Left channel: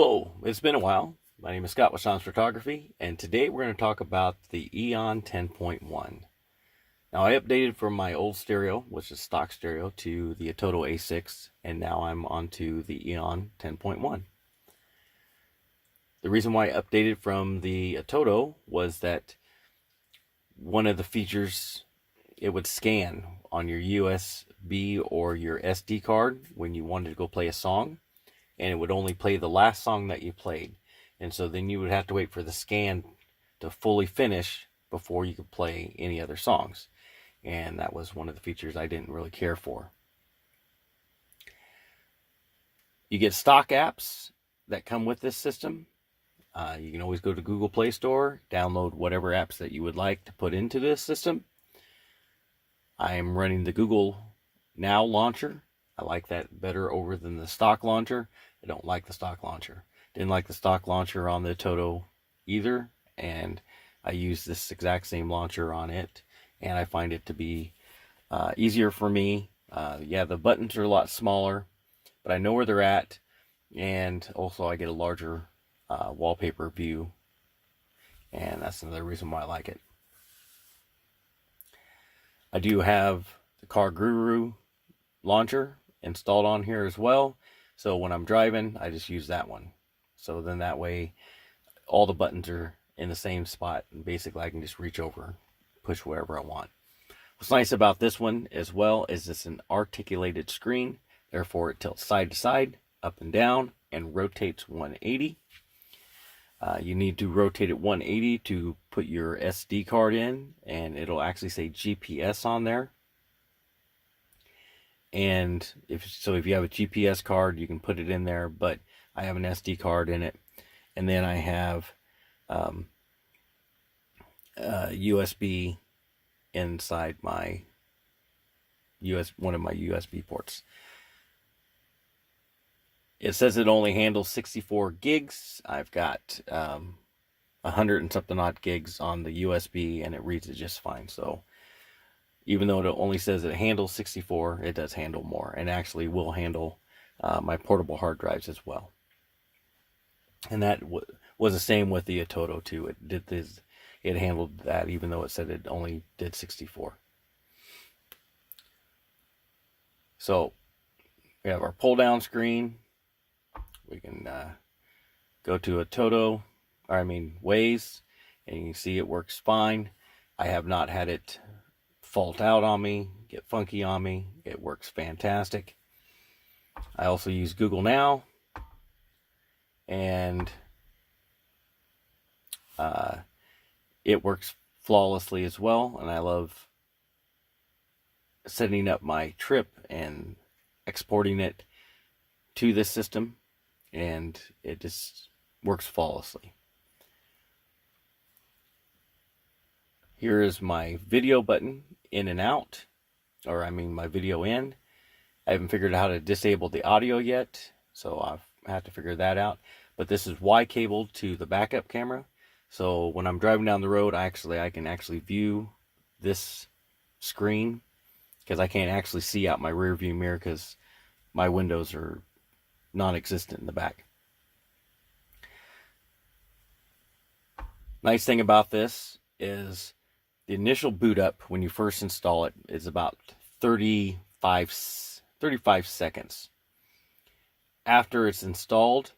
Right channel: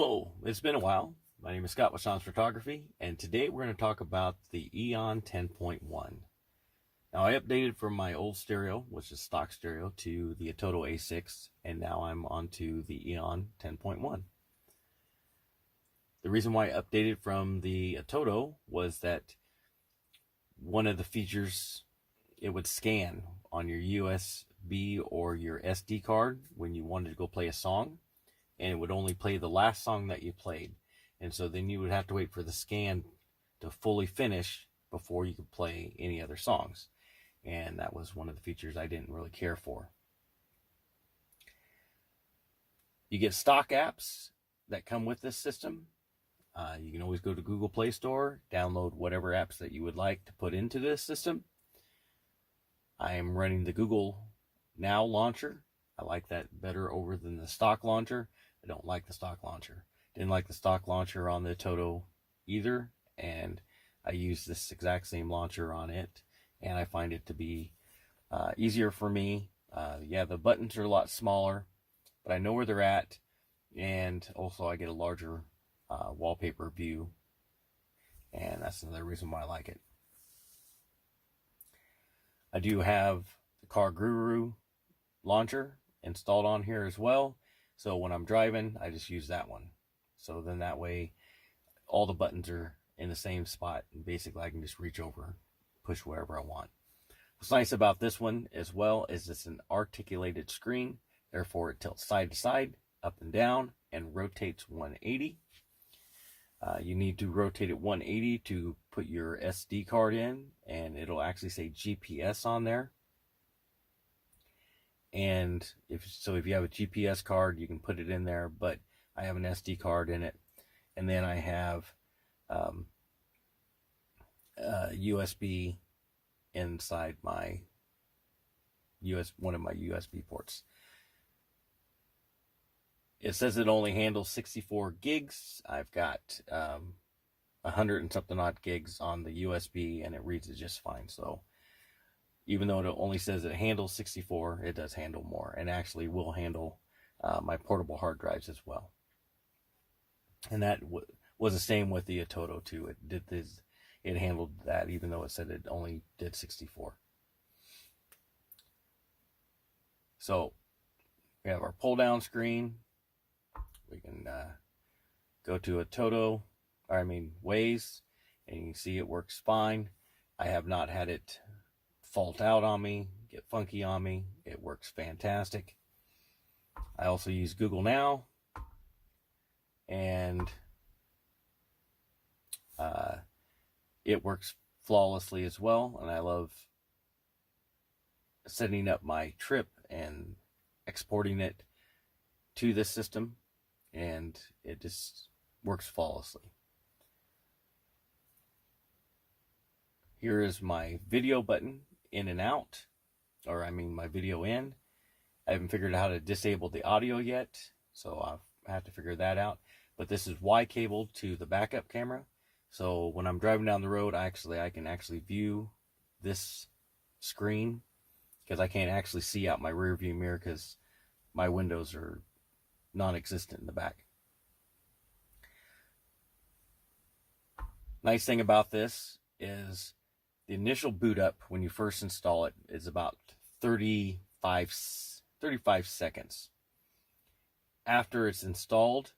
Hello, it's been a while. My name is Scott with Sean's Photography, and today we're going to talk about the Eonon 10.1. Now, I updated from my old stereo, which is stock stereo, to the Ototo A6, and now I'm onto the Eonon 10.1. The reason why I updated from the Ototo was that one of the features, it would scan on your USB or your SD card when you wanted to go play a song, and it would only play the last song that you played. And so then you would have to wait for the scan to fully finish before you could play any other songs. And that was one of the features I didn't really care for. You get stock apps that come with this system. You can always go to Google Play Store, download whatever apps that you would like to put into this system. I am running the Google Now launcher. I like that better over than the stock launcher. I don't like the stock launcher. Didn't like the stock launcher on the Ototo either, and I use this exact same launcher on it, and I find it to be easier for me. Yeah, the buttons are a lot smaller, but I know where they're at, and also I get a larger wallpaper view, and that's another reason why I like it. I do have the Car Guru launcher installed on here as well, so when I'm driving I just use that one. So then that way all the buttons are in the same spot, and basically I can just reach over, push wherever I want. What's nice about this one as well is it's an articulated screen, therefore it tilts side to side, up and down, and rotates 180. You need to rotate it 180 to put your SD card in, and it'll actually say GPS on there. And if you have a GPS card, you can put it in there, but I have an SD card in it. And then I have USB inside my one of my USB ports. It says it only handles 64 gigs. I've got 100 and something odd gigs on the USB, and it reads it just fine. So even though it only says it handles 64, it does handle more, and actually will handle my portable hard drives as well. And that was the same with the Ototo too. It handled that, even though it said it only did 64. So we have our pull down screen. We can go to Waze, and you can see it works fine. I have not had it fault out on me, get funky on me. It works fantastic. I also use Google Now, and it works flawlessly as well. And I love setting up my trip and exporting it to this system, and it just works flawlessly. Here is my video button, in and out, my video in. I haven't figured out how to disable the audio yet, so I'll have to figure that out. But this is Y-cabled to the backup camera, so when I'm driving down the road, I can actually view this screen, because I can't actually see out my rear view mirror because my windows are non-existent in the back. Nice thing about this is the initial boot up when you first install it is about 35 seconds. After it's installed,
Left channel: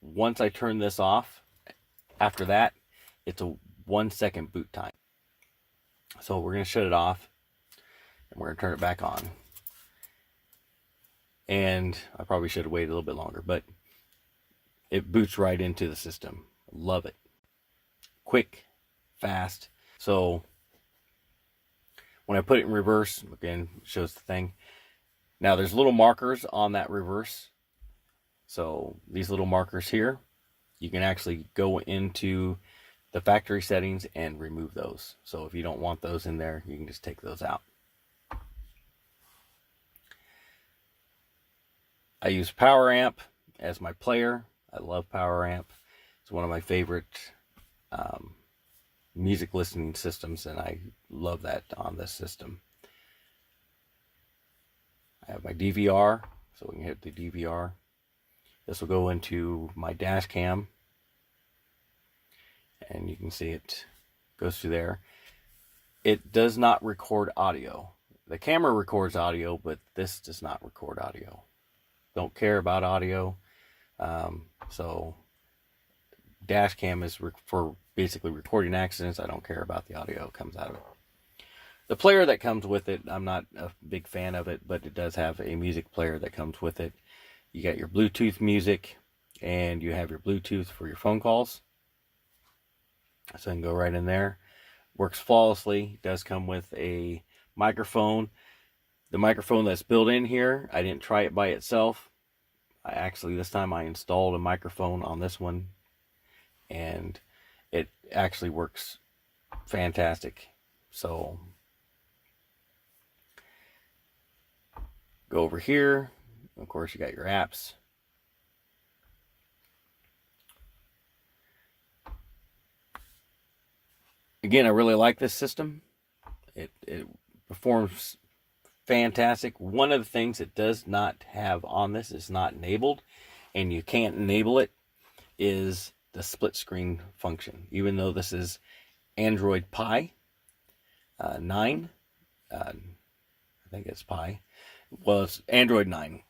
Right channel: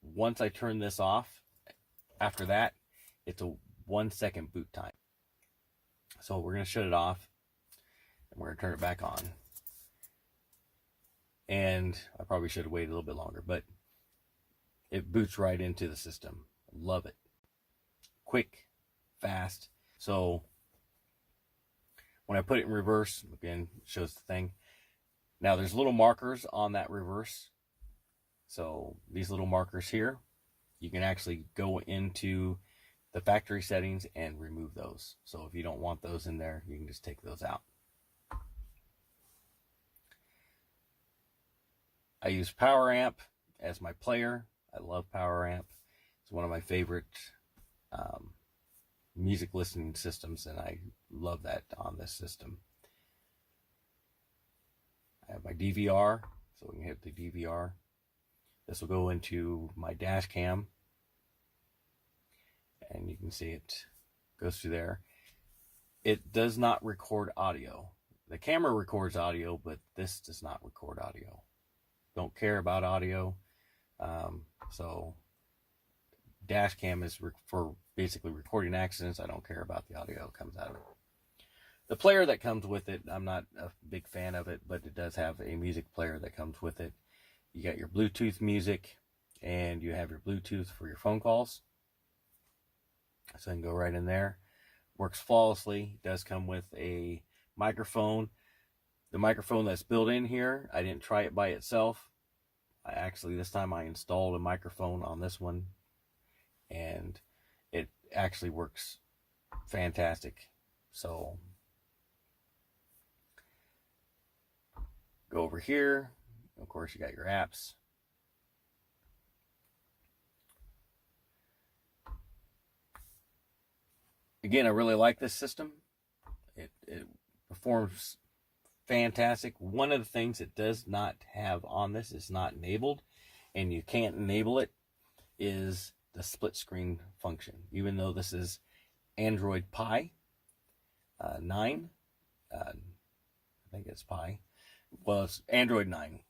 once I turn this off, after that, it's a 1 second boot time. So we're going to shut it off, and we're going to turn it back on. And I probably should have waited a little bit longer, but it boots right into the system. Love it. Quick, fast. So when I put it in reverse, again, shows the thing. Now there's little markers on that reverse. So these little markers here, you can actually go into the factory settings and remove those. So if you don't want those in there, you can just take those out. I use Power Amp as my player. I love Power Amp. It's one of my favorite music listening systems, and I love that on this system. I have my DVR, so we can hit the DVR. This will go into my dash cam, and you can see it goes through there. It does not record audio. The camera records audio, but this does not record audio. Don't care about audio. So dash cam is for basically recording accidents. I don't care about the audio that comes out of it. The player that comes with it, I'm not a big fan of it, but it does have a music player that comes with it. You got your Bluetooth music, and you have your Bluetooth for your phone calls. So you can go right in there. Works flawlessly. Does come with a microphone. The microphone that's built in here, I didn't try it by itself. This time I installed a microphone on this one, and it actually works fantastic. So go over here. Of course, you got your apps. Again, I really like this system. It performs fantastic. One of the things it does not have on this, is not enabled, and you can't enable it, is the split screen function. Even though this is Android Pie 9, I think it's Pie. Well, it's Android 9.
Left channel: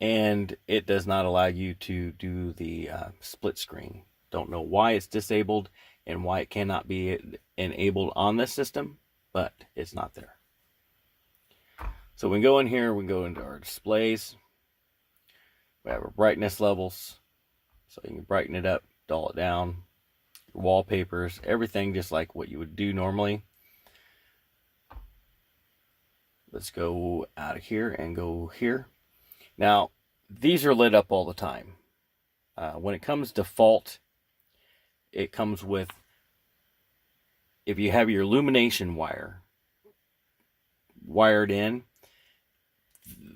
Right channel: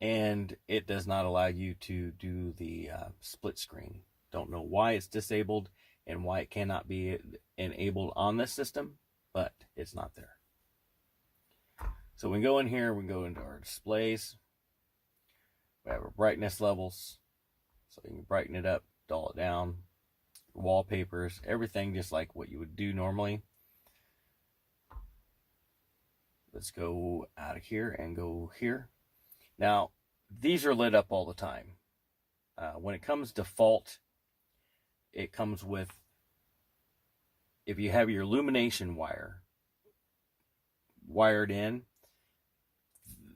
And it does not allow you to do the split screen. Don't know why it's disabled and why it cannot be enabled on this system, but it's not there. So we go in here, we go into our displays. We have our brightness levels, so you can brighten it up, dull it down, wallpapers, everything just like what you would do normally. Let's go out of here and go here. Now, these are lit up all the time. When it comes default, it comes with, if you have your illumination wire wired in,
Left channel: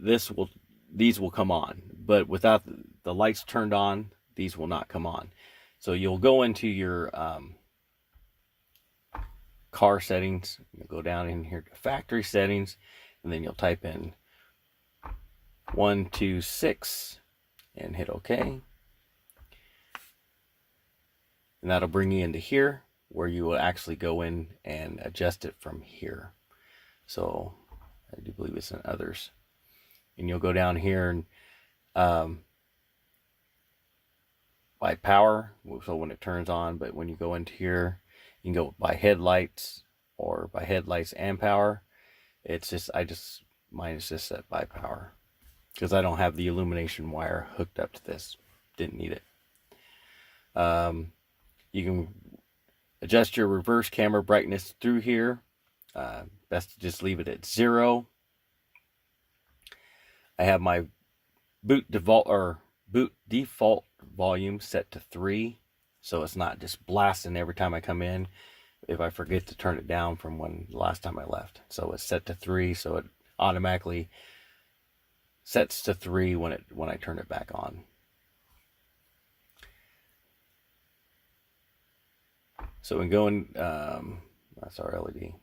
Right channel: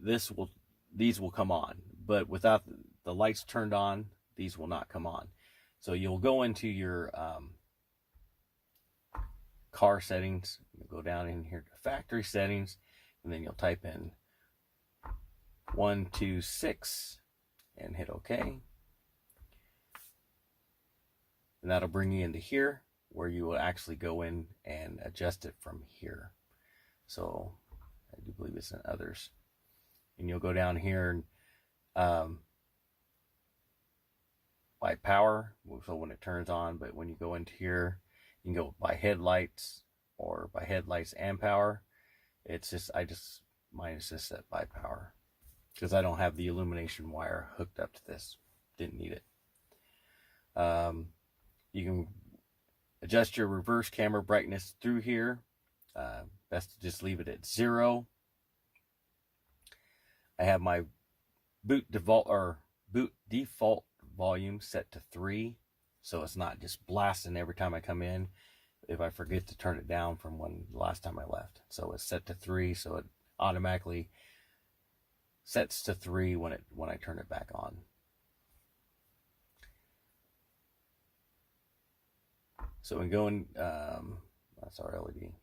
these will come on. But without the lights turned on, these will not come on. So you'll go into your car settings, you'll go down in here to factory settings, and then you'll type in 126 and hit OK. And that'll bring you into here, where you will actually go in and adjust it from here. So I do believe it's in others. And you'll go down here and by power, so when it turns on, but when you go into here, you can go by headlights or by headlights and power. It's just, mine is just set by power, because I don't have the illumination wire hooked up to this. Didn't need it. You can adjust your reverse camera brightness through here. Best to just leave it at 0. I have my boot default volume set to 3, so it's not just blasting every time I come in if I forget to turn it down from the last time I left. So it's set to 3, so it automatically sets to 3 when I turn it back on. So we go in, that's our LED.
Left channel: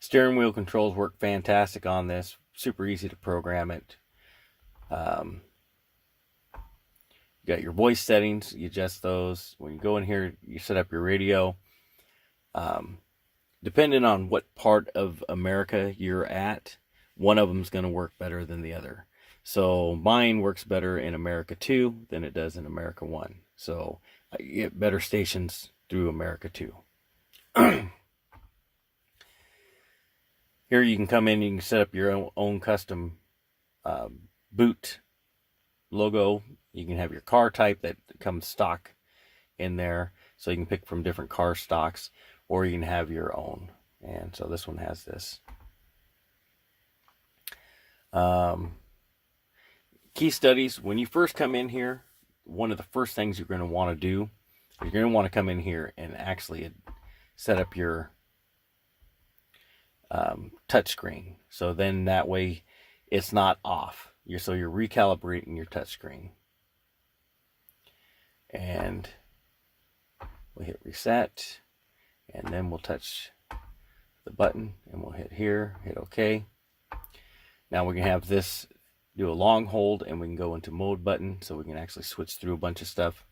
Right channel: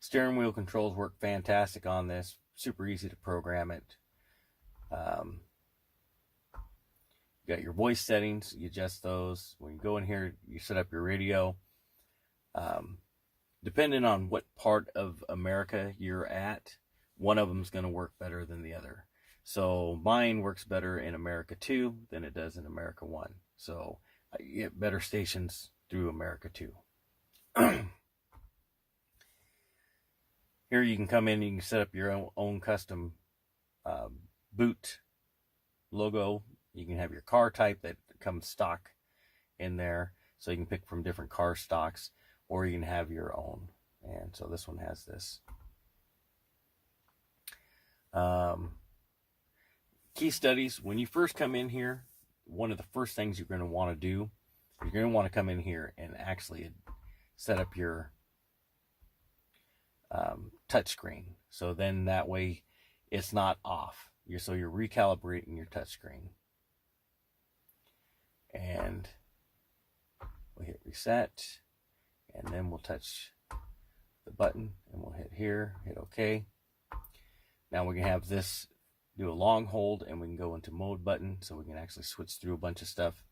Steering wheel controls work fantastic on this. Super easy to program it. You got your voice settings, you adjust those. When you go in here, you set up your radio. Depending on what part of America you're at, one of them is going to work better than the other. So mine works better in America 2 than it does in America 1. So I get better stations through America 2. Here you can come in, you can set up your own custom boot logo. You can have your car type that comes stock in there, so you can pick from different car stocks, or you can have your own. And so this one has this. Key studies. When you first come in here, one of the first things you're going to want to do, you're going to want to come in here and actually set up your touch screen. So then that way it's not off. So you're recalibrating your touch screen. And we'll hit reset, and then we'll touch the button, and we'll hit here, hit OK. Now we can have this do a long hold and we can go into mode button, so we can actually switch through a bunch of stuff.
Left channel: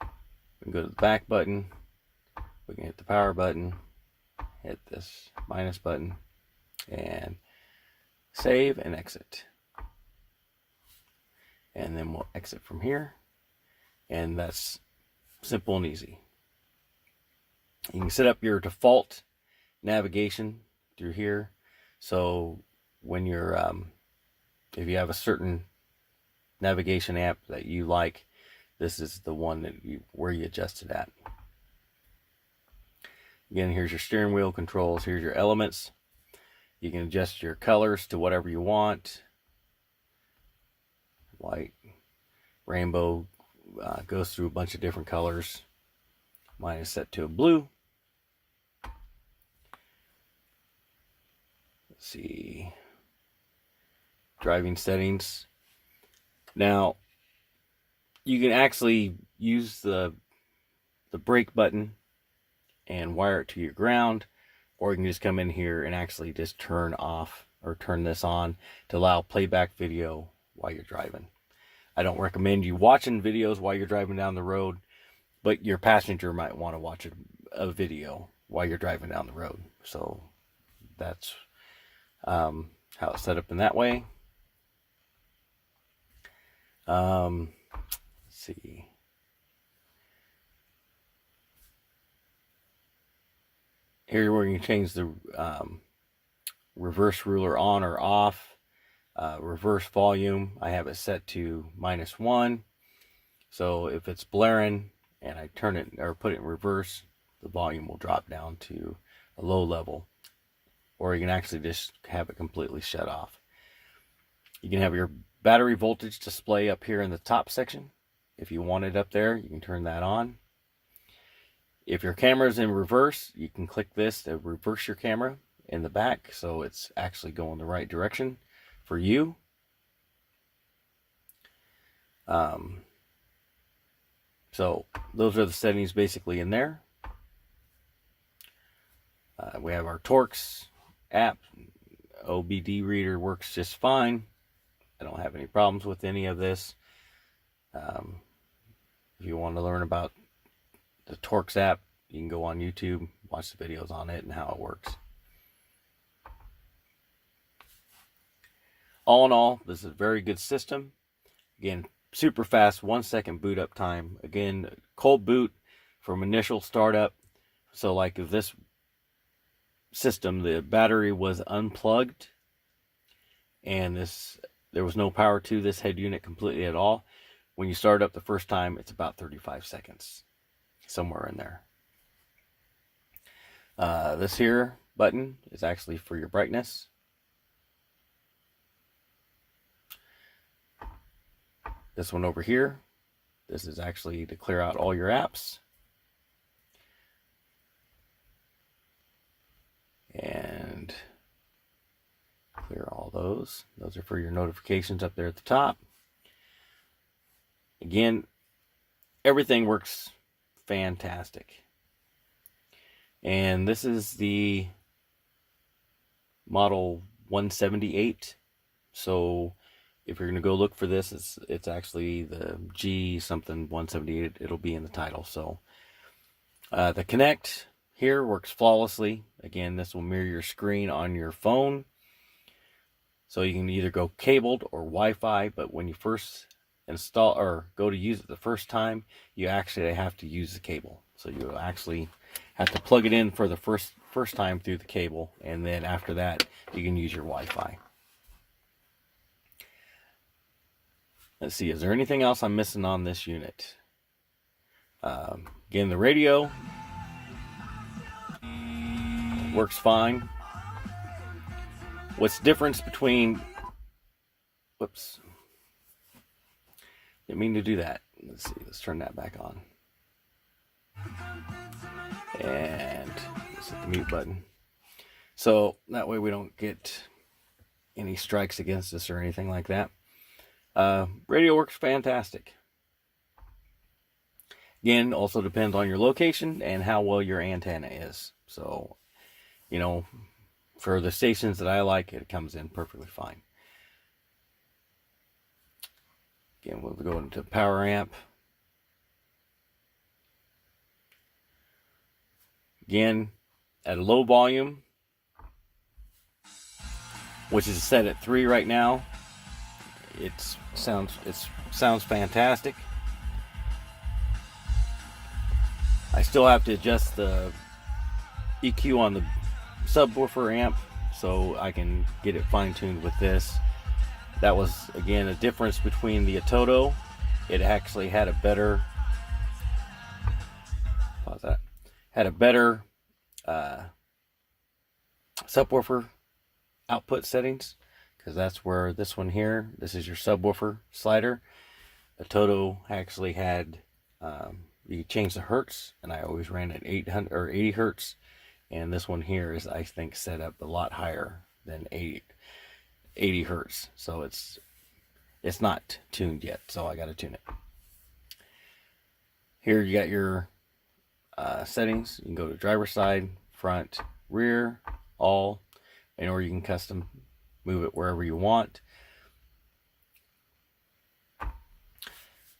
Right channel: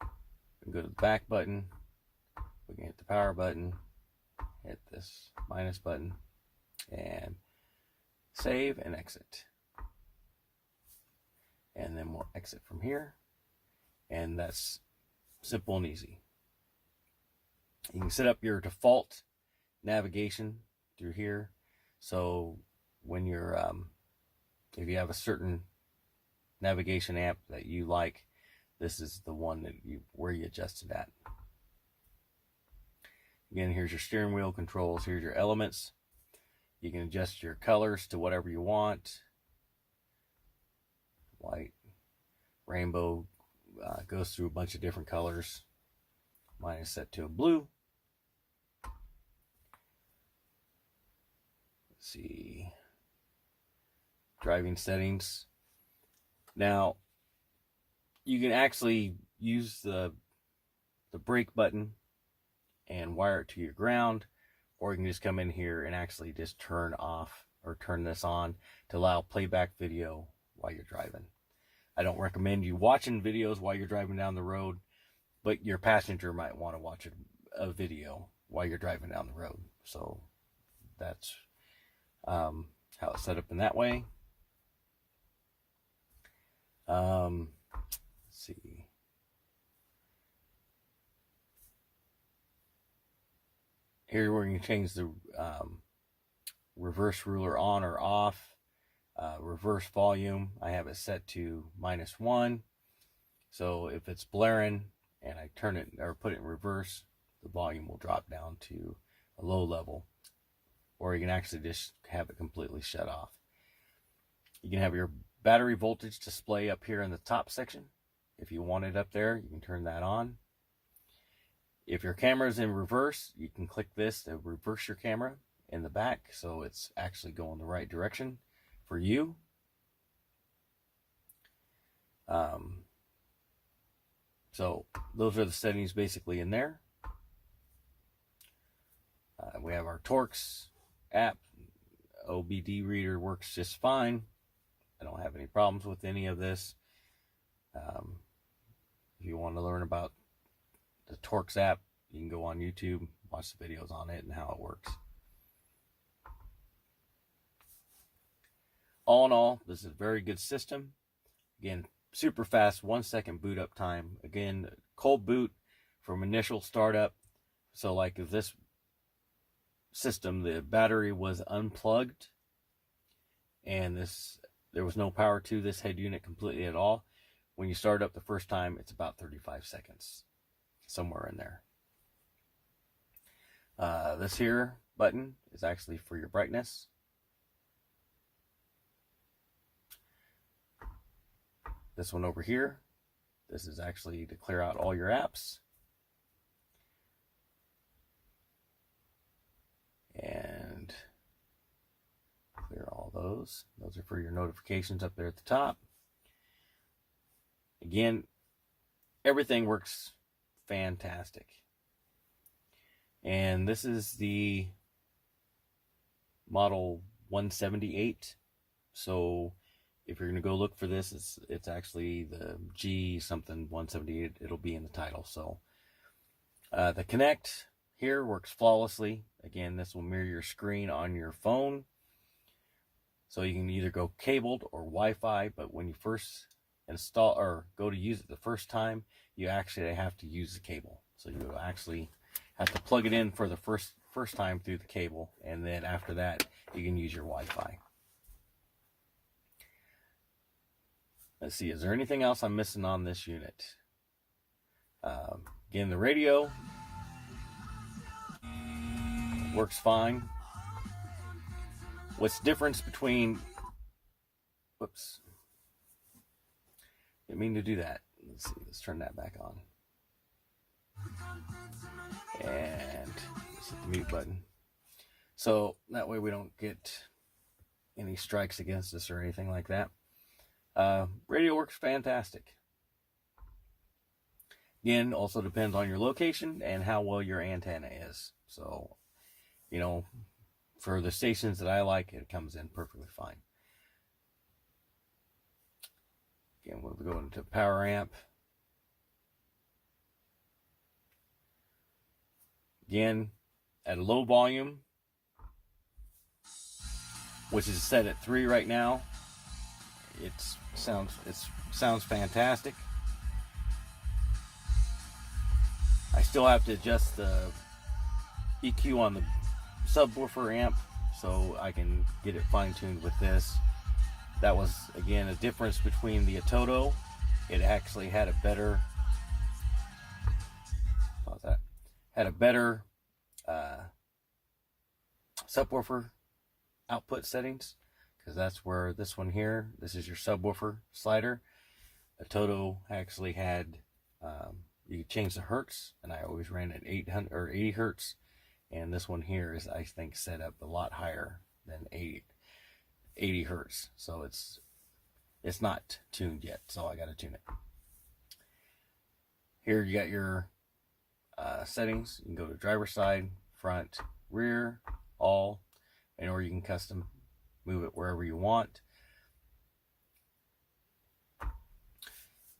We can go to the back button, we can hit the power button, hit this minus button, and save and exit. And then we'll exit from here, and that's simple and easy. You can set up your default navigation through here, so when you're if you have a certain navigation app that you like, this is the one that where you adjust it at. Again, here's your steering wheel controls, here's your elements. You can adjust your colors to whatever you want. White, rainbow, goes through a bunch of different colors. Mine is set to a blue. Let's see. Driving settings. Now, you can actually use the brake button and wire it to your ground, or you can just come in here and actually just turn off or turn this on to allow playback video while you're driving. I don't recommend you watching videos while you're driving down the road, but your passenger might want to watch a video while you're driving down the road. So that's how it's set up in that way. Let's see. Here where you can change the reverse ruler on or off. Reverse volume, I have it set to -1. So if it's blaring and I turn it or put it in reverse, the volume will drop down to a low level. Or you can actually just have it completely shut off. You can have your battery voltage display up here in the top section. If you want it up there, you can turn that on. If your camera is in reverse, you can click this to reverse your camera in the back, so it's actually going the right direction for you. So those are the settings basically in there. We have our Torx app. OBD reader works just fine. I don't have any problems with any of this. If you want to learn about the Torx app, you can go on YouTube, watch the videos on it and how it works. All in all, this is a very good system. Again, super fast, 1 second boot up time. Again, cold boot from initial startup. So like if this system, the battery was unplugged and there was no power to this head unit completely at all, when you start up the first time, it's about 35 seconds, somewhere in there. This here button is actually for your brightness. This one over here, this is actually to clear out all your apps. And clear all those. Those are for your notifications up there at the top. Again, everything works fantastic. And this is the model 178. So if you're going to go look for this, it's actually the G something 178. It'll be in the title. So the Connect here works flawlessly. Again, this will mirror your screen on your phone. So you can either go cabled or Wi-Fi, but when you first install or go to use it the first time, you actually have to use the cable. So you actually have to plug it in for the first time through the cable, and then after that you can use your Wi-Fi. Let's see, is there anything else I'm missing on this unit? Again, the radio works fine. What's the difference between, whoops, didn't mean to do that. Let's see, let's turn that back on. And let's hit the mute button. So that way we don't get any strikes against us or anything like that. Radio works fantastic. Again, also depends on your location and how well your antenna is. So, you know, for the stations that I like, it comes in perfectly fine. Again, we'll go into power amp. Again, at a low volume, which is set at 3 right now. It sounds fantastic. I still have to adjust the EQ on the subwoofer amp so I can get it fine-tuned with this. That was, again, a difference between the Eonon. It actually had a better, pause that, had a better subwoofer output settings, because that's where this one here, this is your subwoofer slider. Eonon actually had, you change the hertz, and I always ran at 800 or 80 hertz, and this one here is, I think, set up a lot higher than 80 hertz, so it's not tuned yet, so I got to tune it. Here you got your settings. You can go to driver side, front, rear, all, and or you can custom move it wherever you want.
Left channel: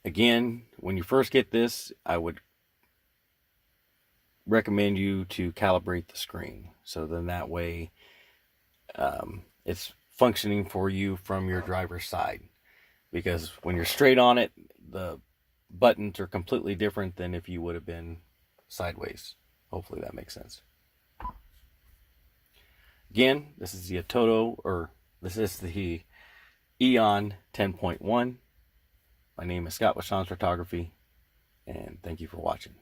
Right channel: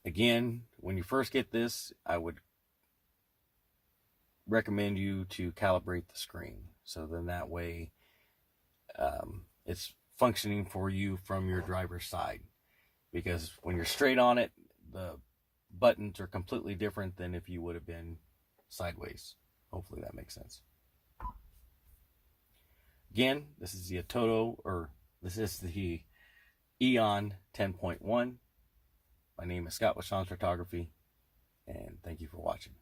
Again, when you first get this, I would recommend you to calibrate the screen, so then that way it's functioning for you from your driver's side, because when you're straight on it, the buttons are completely different than if you would have been sideways. Hopefully that makes sense. Again, this is the Eonon, or this is the Eonon 10.1. My name is Scott with Sean's Photography, and thank you for watching.